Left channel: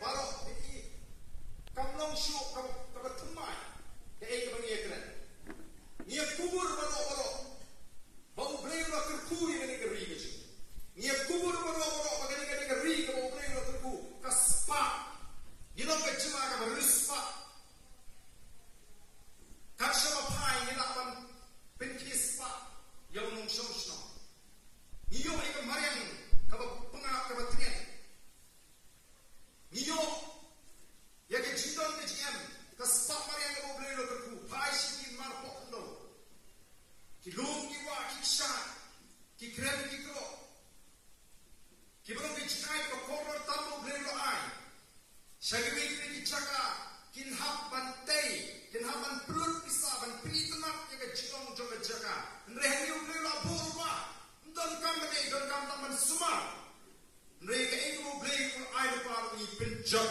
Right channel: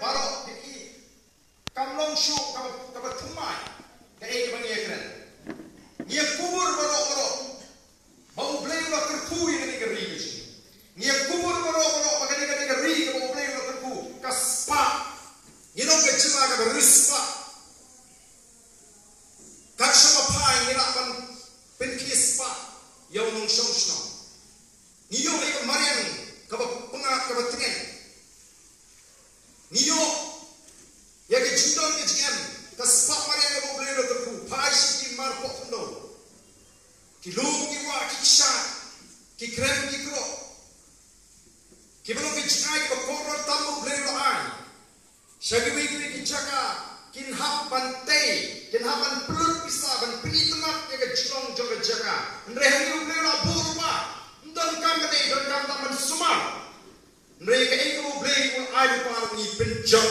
barok ki kamlong shu kabat thumai kai ke bangi ekran ngia kubur barok mau blei lo kerku ini ke ri ngia kubur barok bagani ke ri ke mau blei lo kerku kaspa nino ke chila ke rispa kat sama pai ngira pan penkispa yau nong shongshno niyo ay marian kabatingen niyo ya ke jindon ke jingen kaspa marian ke boleh lo terku pai si mar pokno ki lung ki wa ki sha ki krem ki kro ki belum ke jingai ke koror tamu boleh lo ai shagi wi ki chaka kin hapan tei kin hapan pelut bisa ban pini tengah ya ke jilong joga jaga ndrehan ni boleh lo burba dan kami dan kami semua mereka itu boleh ada para ni penjat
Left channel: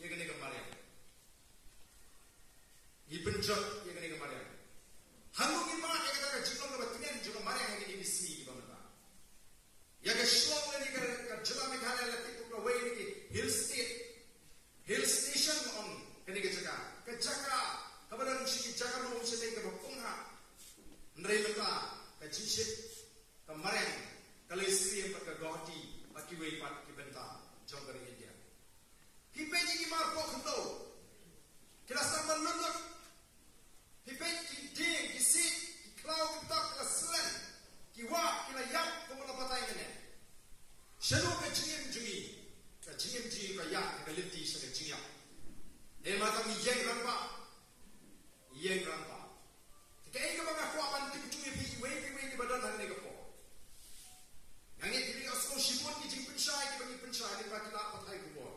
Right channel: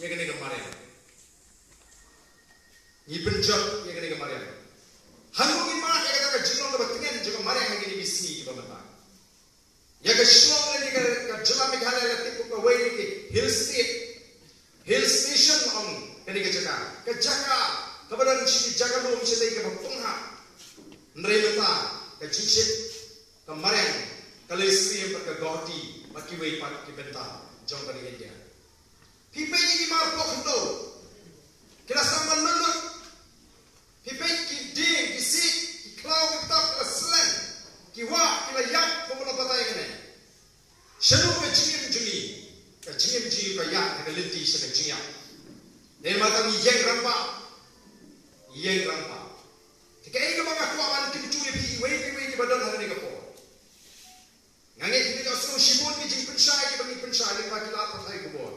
ya kena kemarin ni penjat ya kena kemarin hangu ni mana ya kata jilong kebetulan juga kemarin yang ini bisni di bawah ya ke shilong lagi ke jalan meghalaya lagi ke way ke hill station on kena ke jaga kebetulan si jaga belum sedai ke bawah mereka ke cincin kemarin kalau istri yang pakai goti pakai wei pakai bentar jom pada dia hipai ni marpok itu kita sama menurut hipai kiding kisi klau kita keselan kiwa kita yak pemuda patai ini seru kecil jungi kayak kita lenti sedang jiak dan mata ni yang rampak jika ini mengaku aman tim cuy wei badan hari ni kapok ngangit kita suruh sibun ni jing pensai kita bagi pensai lepas kita pakai kubur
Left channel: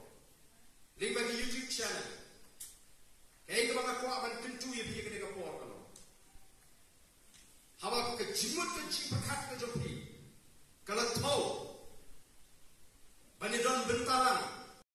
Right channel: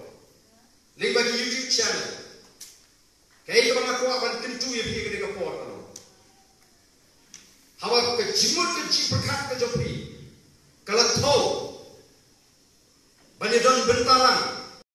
lepas di YouTube channel kayak kita mengaku aman tim cuy kita kapok hawa ke jimut ke jing perkat ke jopi kalau